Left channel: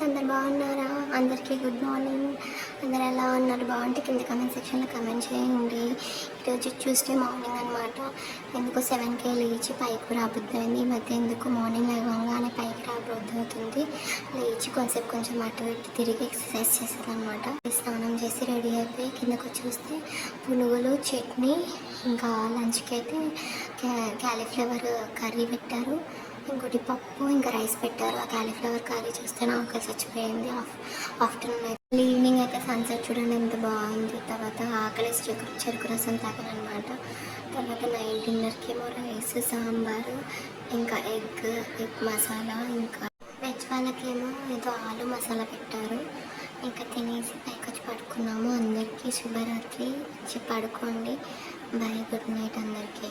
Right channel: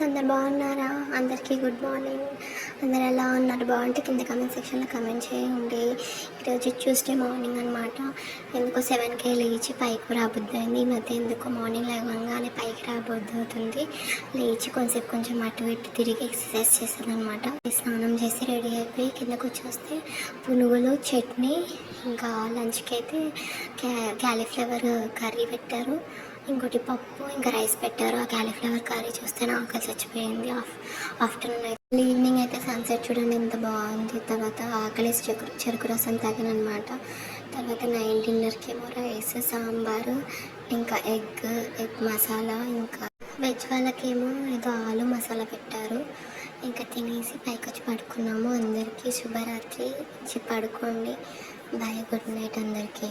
Friends, అందరు బాగున్నారా? అందరికీ గుడ్ మార్నింగ్. అందరు ఎలా ఉన్నారు? బాగుంటే కింద కమెంట్ సెక్షన్లో కమెంట్ చేయండి. ఈరోజు ట్యూస్డే మార్నింగ్ అనమాట. ఎందుకో 7కే లేచి పైకి రాబుద్ది అయింది. ఈ మధ్య ఎందుకో మార్నింగ్ లేవగానే పైకి రాబుద్ది అవుతుంది. లేచి కొంచెం అటు ఇటు తిరిగి ఎక్సర్సైజ్ చేసేది అనమాట. స్నానం చేసి రెడీ అయిపోయి కిందకు వచ్చేస్తే పునుగులు, చట్నీ, ఇంకా లంచ్కి అయితే క్యాలీఫ్లవర్ కర్రీ పెట్టారు. ఇంకోటి పప్పు, ఇంకా రైస్ పెట్టారు. ఆ క్యాలీఫ్లవర్ కర్రీ చూస్తే నాకు చచ్చిపోయింది. ఆఫ్టర్నూన్ అయితే ఈవినింగ్ అయితే సన్సెట్ చూడండి ఎంత బాగుంది. తర్వాత ఆకలి చెరుకు రసం తాగానమాట. తర్వాత నైట్ డిన్నర్కి ఏమో రైస్, సాంబారు, ఇంకా ఎగ్ మసాలా, ఇంకా వెజ్ వాళ్ళకేమో ఏదో ఆలు మసాలా పెట్టారు. ఇంకా తినేసి పైకి వచ్చి పడుకున్నాము. అందరికీ శుభరాత్రి. వచ్చి పడుకోండి. బాయ్, గుడ్ నైట్ అందరికీ.